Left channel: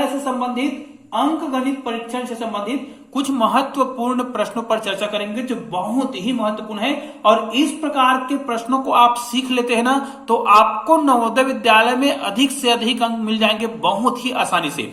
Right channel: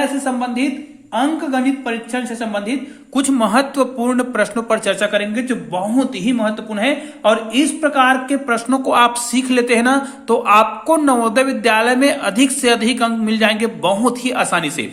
विद्यालय से संबंधित अंक गणित परीक्षण से संबंधित कुछ महत्वपूर्ण प्रश्नों पर चर्चा करेंगे जो बहुत ही महत्वपूर्ण है। और इस प्रकार के प्रश्नों को आप सीख लेते हैं ना तो आपको नवोदय विद्यालय में अधिक से अधिक अंक मिल जाएंगे बहुत ही आसानी से।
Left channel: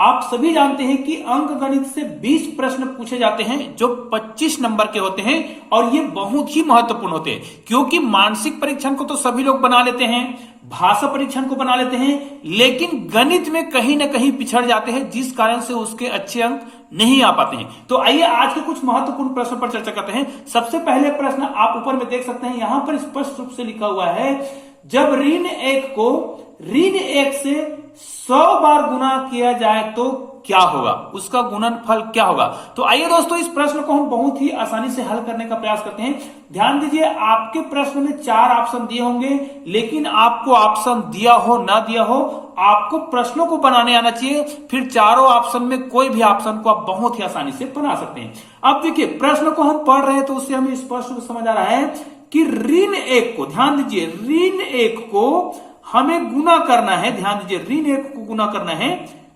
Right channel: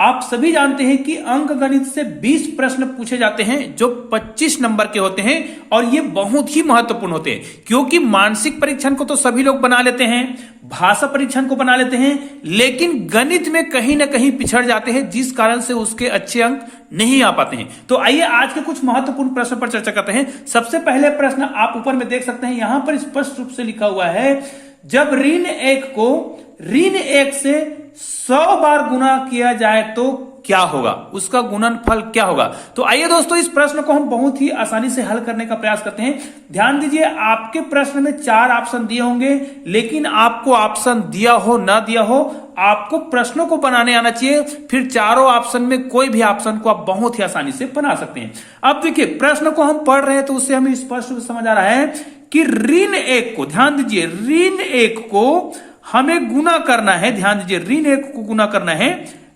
आप सभी जानते हैं कि अंक गणित से 20 प्रश्न पूछे जाते हैं जो 25 नंबर के होते हैं और ये बहुत ही महत्वपूर्ण होते हैं क्योंकि मानसिक परीक्षण को तो सभी लोग बना लेते हैं, भाषा परीक्षण को बना लेते हैं, लेकिन गणित में कहीं ना कहीं पिछड़ जाते हैं जिस कारण से उसके अच्छे अंक नहीं आ पाते हैं। तो आइए आज के कुछ महत्वपूर्ण प्रश्न पर चर्चा करते हैं। सबसे पहले प्रश्न आप ऊपर में देख सकते हैं, यहां पर स्पष्ट रूप से लिखा हुआ है जब ऋण 1 को ऋण 1 से 100 बार गुना किया जाए तो क्या होगा, उसका गुणनफल क्या होगा। तो आइए दोस्तों इस प्रश्न को हम बहुत ही आसानी से हल करने का प्रयास करते हैं। ध्यान दीजिए आपके प्रश्न में 4 ऑप्शन दिए होंगे, लेकिन आपको ऑप्शन दिया हो ना दिया हो आपको प्रश्नों को बनाने आना चाहिए, फिर चारों ऑप्शन में कोई भी ऑप्शन को आप बहुत ही आसानी से बना सकते हैं। अब देखिए प्रश्न को हम पढ़ रहे हैं तो उससे हमें स्पष्ट रूप से समझ आ रहा है कि ऋण 1 को, ध्यान दीजिए ऋण 1 को हमें गुना करना है, ध्यान दीजिए ऋण 1 को गुना करना है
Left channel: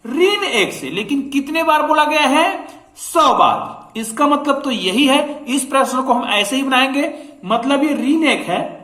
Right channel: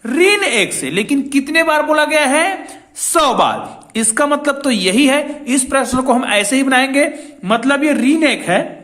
ऋण 1 से, लेकिन कितने बार बोला गया है 100 बार। इसका मतलब तो यही है, इस प्रश्न को हम ऐसे ही बनाएंगे, मतलब ये ऋण 1 है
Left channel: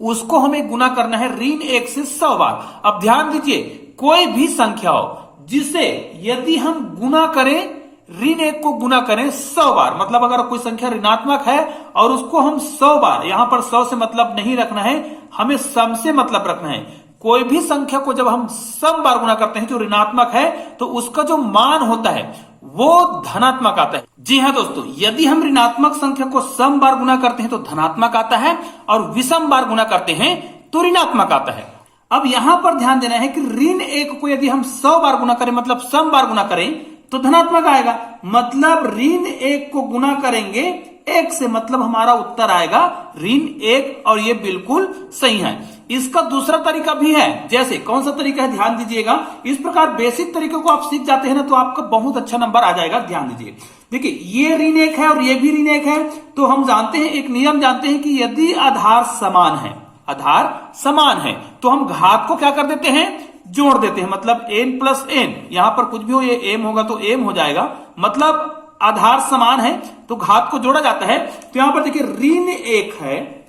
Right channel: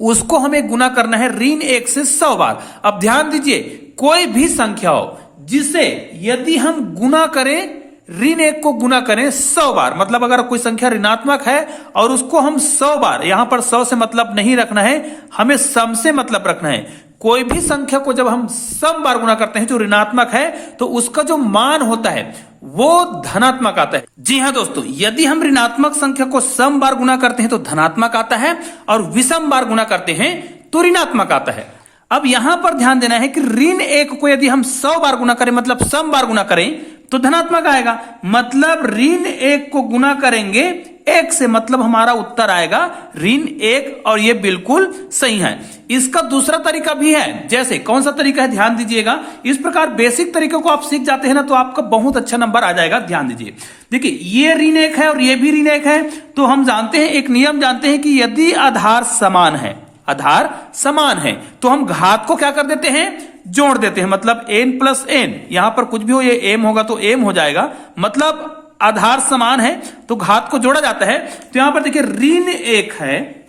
उसको हमें गुना करना है ऋण 1 से 100 बार। अब ध्यान दीजिए कोई भी संख्या हो जिसे यदि हम गुना करें ऋण 1 को गुना करें 100 बार, मतलब अगर कोई संख्या ऋणात्मक है और उसको हम 100 बार, यहां पर 100 से मतलब नहीं रखना है, हमें सम से मतलब रखना है। कोई भी संख्या को जब हम सम बार गुना करते हैं जो ऋणात्मक है तो उसका जो मान होता है वो धनात्मक आता है। जी हां दोस्तों, यदि हम ऋणात्मक संख्या को सम बार गुना करते हैं तो धनात्मक आता है और विषम बार गुना करते हैं तो ऋणात्मक आता है। अब यहां पर ध्यान देना है कि ऋण 1 को यदि हम 100 बार गुना करें, मतलब सम बार गुना करें तो धनात्मक आएगा, मतलब ऋण 1 को गुना करेंगे 1 से, मतलब हमारा उत्तर आएगा ऋण 1 और ये बिल्कुल सही है। इसका दूसरा तरीका भी है, जैसे कौन सा तरीका है ध्यान दीजिएगा। इस प्रकार बेसिक तरीके को आप सीख जाते हैं ना तो आपका बहुत अच्छा नंबर आ जाएगा। ध्यान दीजिए, देखिए ये ऋण 1 है और ये भी ऋण 1 है, तो हम जानते हैं एक नियम जानते हैं कि यदि आधार समान है, आधार समान है तो हम घात को क्या कर देते हैं, जोड़ देते हैं, मतलब n प्लस n, यहां पर कुछ भी हो ये m होगा तो m हो जाएगा, मतलब आधार समान है तो घात को जोड़ा जाता है। तो यहां पर देखिए ऋण 1 है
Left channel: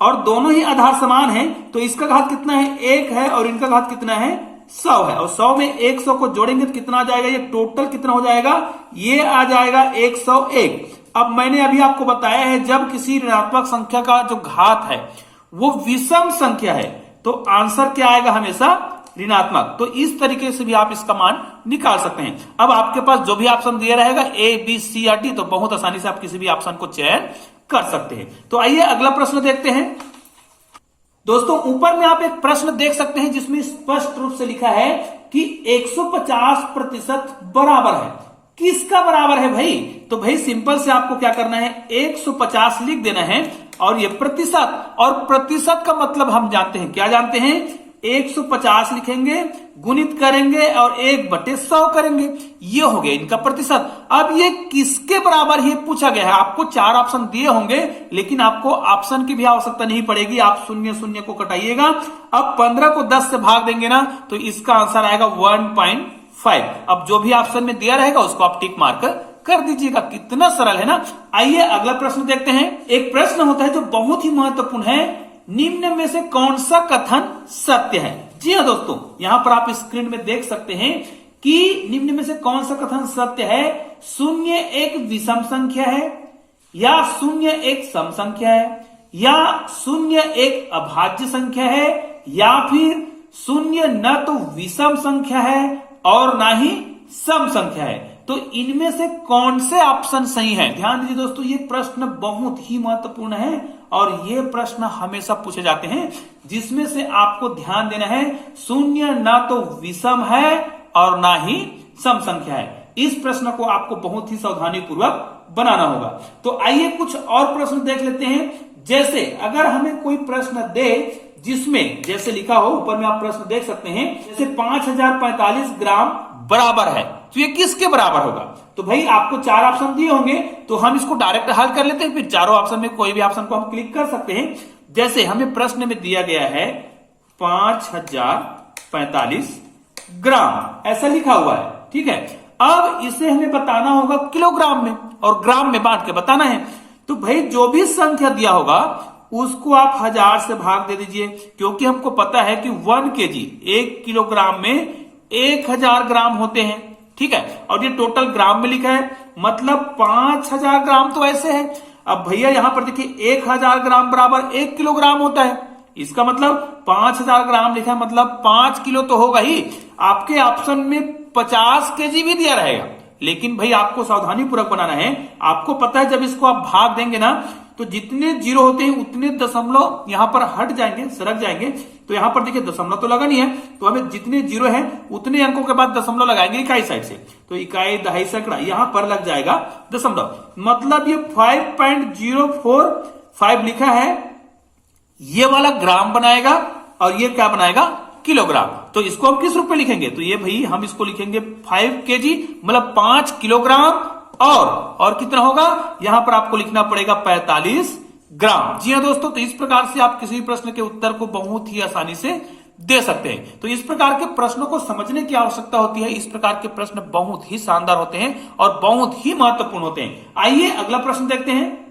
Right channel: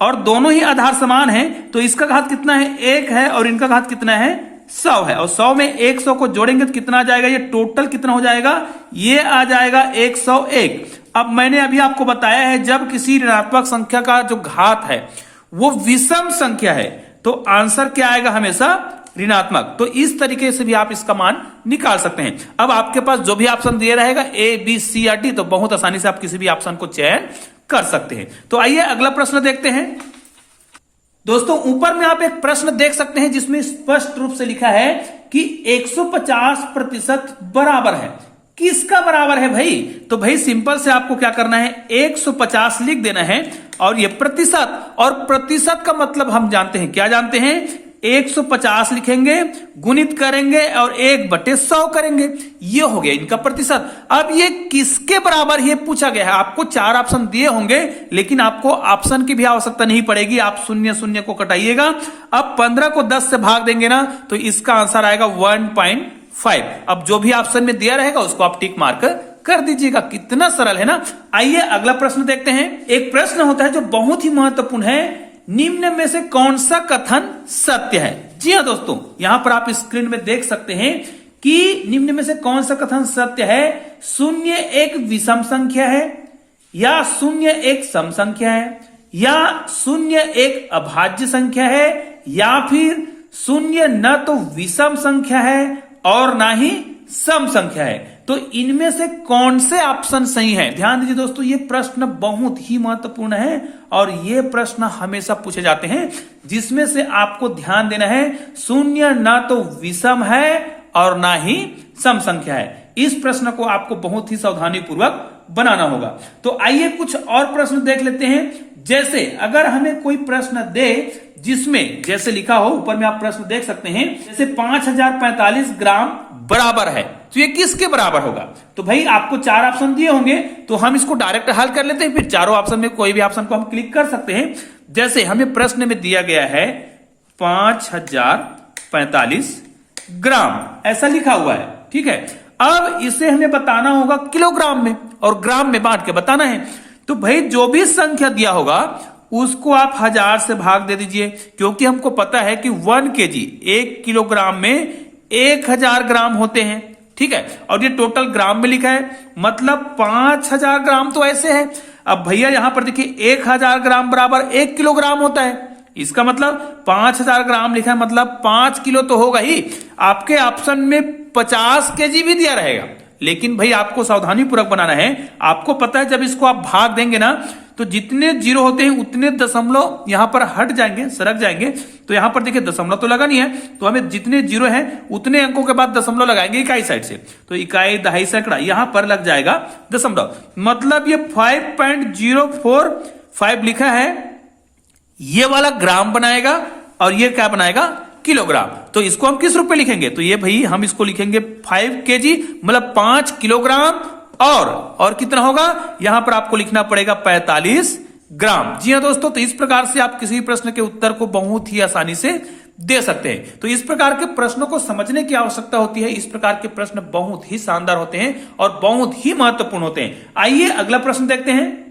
और दोनों ही आधार समान है तो इसका घात कितना है 1 है और इनका घात कितना है 100 है, और 100 में 100 को जोड़ेंगे तो कितना आ जाएगा, ये टोटल कितना हो जाएगा, ये आ जाएगा 101। अब मैंने अभी आपको बताया है जब किसी ऋणात्मक संख्या का जो घात है वो विषम संख्या है तो आंसर क्या आएगा, हमेशा ऋणात्मक। तो इस तरीके से भी आप इसका मान निकाल सकते हैं। अब आपके पास जो भी ऑप्शन दिया रहेगा A, B, C या D, तो बहुत आसानी से आप किसी भी ऑप्शन को चयन कर सकते हैं। तो आइए अगला प्रश्न देखते हैं। दोस्तों ऊपर में आप एक प्रश्न देख सकते हैं जिसमें स्पष्ट रूप से लिखा है कि 150% बराबर है। किसका बराबर है भाई, तो भाई सिंपल से आपको क्या करना है 150 लिख देना है और ये प्रतिशत, और प्रतिशत का मतलब हम जानते हैं, क्या जानते हैं 150 लिखेंगे, गुणित करेंगे और 1/100 करेंगे, ये हो गया इनका प्रतिशत। अब ये किसके बराबर है पूछा गया है, आपको 4 ऑप्शन दिए होंगे लेकिन आपको ऑप्शन की भी आवश्यकता नहीं पड़ेगी, आप 0 को कटाइएगा। अब 15 को 10 से भाग देंगे ना तो इसका आंसर आएगा 1.5। अब जो भी ऑप्शन में दिया रहेगा उसको आप टिक मार्क कर दीजिएगा। कितना सरल है ना। आइए अगला प्रश्न देखते हैं। एक प्रश्न होता है जो बहुत ही महत्वपूर्ण है, निम्न में से कौन सा कथन सत्य है। जी हाँ दोस्तों, यहां पर आप स्क्रीन में देख सकते हैं कि निम्न में से कौन सा कथन सत्य है। 0 एक विषम संख्या है, या 0 एक सम संख्या है, या 0 एक अभाज्य संख्या है, या फिर 0 न तो विषम संख्या है और ना ही सम संख्या है। तो इनमें से कौन से ऑप्शन सही है। ध्यान दीजिए दोस्तों, ये प्रश्न बहुत ही महत्वपूर्ण है और ये प्रश्न हमेशा पूछे जाते हैं, जिसमें से आपको ध्यान देना है 0 ना तो विषम है और ना ही सम संख्या है। इस प्रश्न को आपको बहुत ही सावधानी पूर्वक बनाना होगा। तो आइए कुछ और प्रश्न देख लेते हैं। जैसे अगर हमें कोई प्रश्न दे जिसमें जैसे लिखा हो, ऊपर में आप प्रश्न देख सकते हैं, जैसे 5045 ग्राम बराबर है, तो ये किसके बराबर होगा। तो भाई आपको 4 ऑप्शन दिए होंगे तो हम इसको डायरेक्ट हल कर लेते हैं, फिर चारों ऑप्शन में कोई भी ऑप्शन को हम क्लिक कर सकते हैं। जैसे हमें प्रश्न में दिया गया है 5045 ग्राम ऐसा लिखा हुआ है। ठीक है, अब इसे हमें बताना होगा किलोग्राम में और ग्राम में बांट के बताना है। तो भाई जो भी संख्या दिया होगा उसको आप 1000 से भाग दे दीजिए, क्योंकि हमको पता है कि 1 kg 1 किलोग्राम में 1000 ग्राम होते हैं। ठीक है, और ये टोटल ग्राम में लिखा है, मतलब 5000 ग्राम तो ऐसे है। अब भैया यहां पर देखिए 1000 ग्राम बराबर 1 किलोग्राम होता है, इसका मतलब 5000 ग्राम लिखा है, मतलब 5 किलो तो होगा ही। आपके ऑप्शन में 50 kg भी दिया रहेगा, लेकिन भाई आपको सावधानी पूर्वक बनाना है। आपको पता है जब इसको आप भाग देंगे ना तो जितने जीरो होते हैं उतने दशमलव यहां पर हट जाएंगे, सरक जाएंगे। तो यहां पर देखिए दशमलव तो लगा नहीं है, तो हमें जितने जीरो हैं उतने अंकों के बाद दशमलव लगाएंगे इकाई साइड से। तो इकाई, दहाई, सैकड़ा यहां पर लग जाएगा दशमलव, मतलब ये 5.045 लिखा है, ये वाला ग्राम बनाएगा और ये क्या बनाएगा, किलोग्राम। तो इसको हम किस रूप में लिखेंगे, तो ये भाई हम इसको लिखेंगे 5 kg, मतलब 5 किलोग्राम। और कितना होगा, यहां पर आपको लिखना पड़ेगा 45 ग्राम। जी हां दोस्तों, तो इस प्रकार से आप किसी प्रश्न के उत्तर को बहुत ही आसानी से दे सकते हैं। तो इस प्रकार के प्रश्नों को समझने की आवश्यकता होती है। इस प्रकार के प्रश्न बहुत ही शानदार होते हैं और बहुत ही महत्वपूर्ण होते हैं। आइए अगला प्रश्न देखते हैं।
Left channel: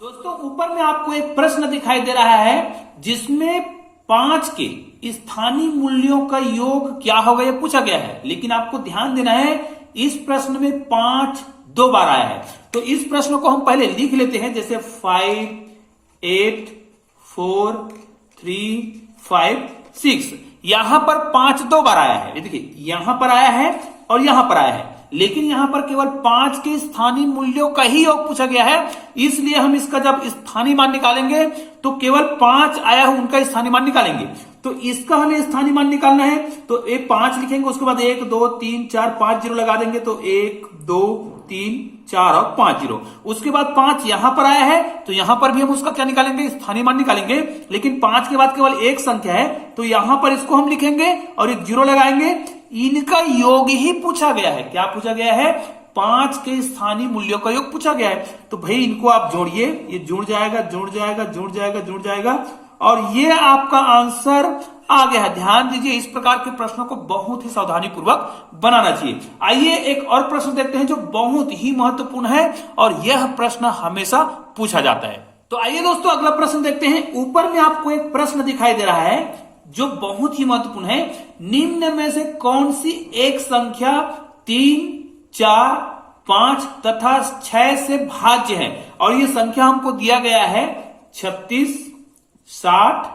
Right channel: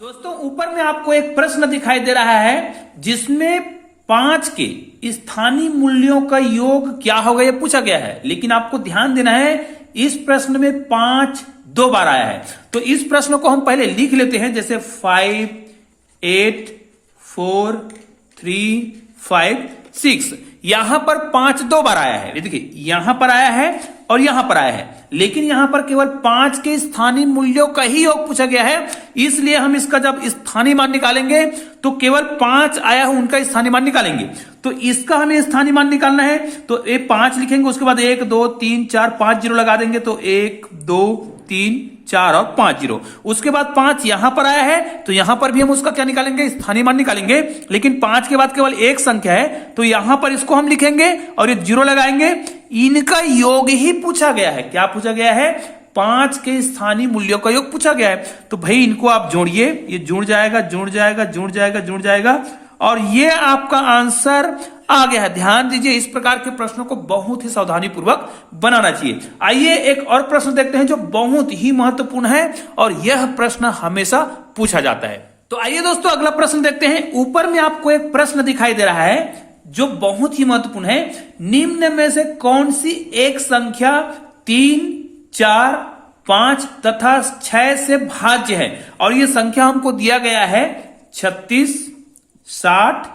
दोस्तों ऊपर में आपको एक प्रश्न दिखाई दे रहा है जिसमें 5 के स्थानीय मूल्यों का योग क्या होगा यह पूछा गया है, लेकिन आपको ध्यान देना है इस प्रश्न में 5 2 बार आया है। तो इस प्रश्न को हम पहले लिख लेते हैं, जैसे 5 8 4 3 5 6। यहां पर 5 2 बार आया है, देखिए यहां पर आया है और यहां पर आया है, लेकिन यहां पर केवल 5 के स्थानीय मूल्यों का ही योग पूछा गया है। इसलिए हम इसका जब स्थानीय मान निकालेंगे तो केवल 5 आया है उनका स्थानीय मान निकालेंगे। तो इसका हमें स्थानीय मान निकालना है, तो ये 5 लिखेंगे, उसके बाद 1 2 3 4 5 जीरो लगा देंगे, तो 1 2 3 4 और 5 जीरो। उसके बाद 5 यहां पर आया है, तो यहां पर भी हम उसका क्या निकालेंगे, स्थानीय मान निकालेंगे। लेकिन 5 के बाद केवल एक संख्या है, तो यहां पर इसको हम लिखेंगे और ये जीरो लगाएंगे। इनका योग ही पूछा गया है। क्या पूछा गया है, 5 के स्थानीय मूल्यों का योग पूछा गया है। तो भाई इनको आप जोड़िए, ये जुड़ जाएगा जुड़ जाएगा जुड़ जाएगा जुड़ जाएगा, और ये आपका आंसर आ गया है। ध्यान दीजिए, इस प्रकार के प्रश्नों को बहुत ही सावधानी पूर्वक बनाना चाहिए। आइए एक और प्रश्न देखते हैं जो बहुत ही महत्वपूर्ण है और यह प्रश्न हमेशा पूछा जाता है। तो आइए दोस्तों अगला प्रश्न देखते हैं। ऊपर में आपको एक प्रश्न दिखाई दे रहा है जो बहुत ही महत्वपूर्ण है। निम्न में से कौन सी एक संख्या 3 4 5 तथा 6 से भाज्य है, और यह संख्या हमको दिया गया है 36 60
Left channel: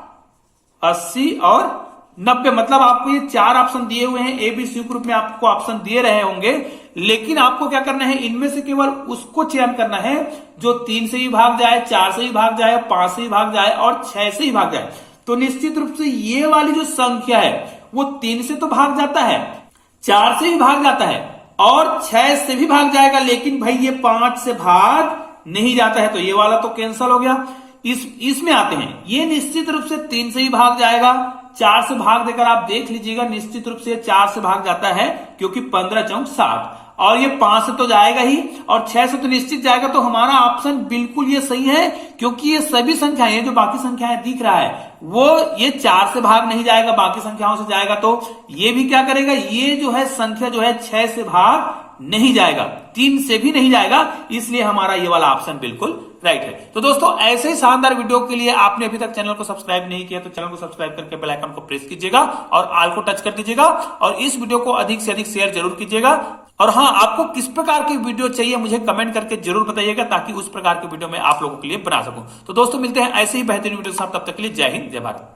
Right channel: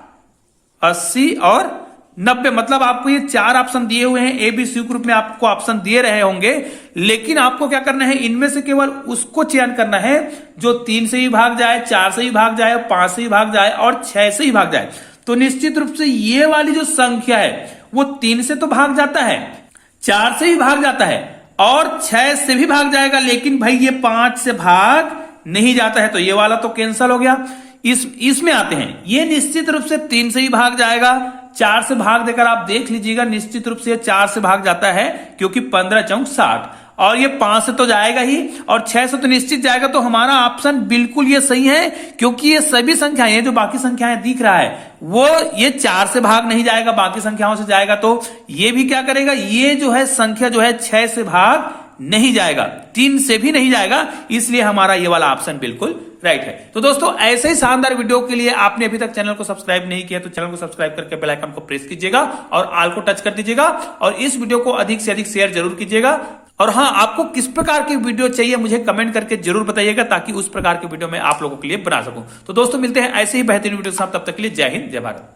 80 और 90। मतलब आपको ये 4 ऑप्शन दिए हुए हैं, ए बी सी ग्रुप में आपको ऑप्शन दिए रहे होंगे, लेकिन आपको क्या करना है, इनमें से केवल उसको चयन करना है जो 3 से ही भाग जाए, 4 से ही भाग जाए, 5 से ही भाग जाए और 6 से ही भाग जाए। तो निश्चित रूप से ये वाली जो संख्या है वो 3 से तो भाग जाता है, 4 से भी भाग जाता है और 6 से भी भाग जाएगा, लेकिन भाई ये 5 से भाग नहीं जाता है, तो ये वाला तो कैंसिल हो गया। इसमें आते हैं, ये निश्चित रूप से 3 से ही भाग जाएगा, 4 से भाग देकर आप देख लीजिएगा, निश्चित रूप से 4 से भाग जाता है क्योंकि 15 चौक 60, और ये 5 से तो जाएगा ही और 6 से तो निश्चित जाएगा। तो हमारा ऑप्शन बिल्कुल ये सही है, क्योंकि ये सभी संख्याएं, जो बाकी संख्याएं दिख रहा है वो ये 4 से भाग नहीं जाएगा, बाकी संख्याओं से जाएगा। तो ये भी क्या करेगा, ये जो है संख्या जो है 6 से भाग नहीं जाएगा, 3 से भी नहीं जाएगा, इसलिए हमारा ये वाला ऑप्शन बिल्कुल राइट है। तो दोस्तों ऐसे ही शानदार वीडियो के लिए आपने अभी तक चैनल को सब्सक्राइब नहीं किया तो चैनल को सब्सक्राइब करके बेल आइकन को प्रेस कीजिएगा और ऑल को टच कर दीजिएगा, और इस वीडियो को अधिक से अधिक शेयर जरूर कीजिएगा। और हाँ, आपको किस प्रकार की वीडियो चाहिए मुझे कमेंट करके जरूर बताइएगा, ताकि उस प्रकार की वीडियो मैं आप लोगों के लिए बना सकूं। तो दोस्तों मिलते हैं ऐसे ही बेहतरीन वीडियो के साथ, तब तक के लिए जय हिंद जय भारत।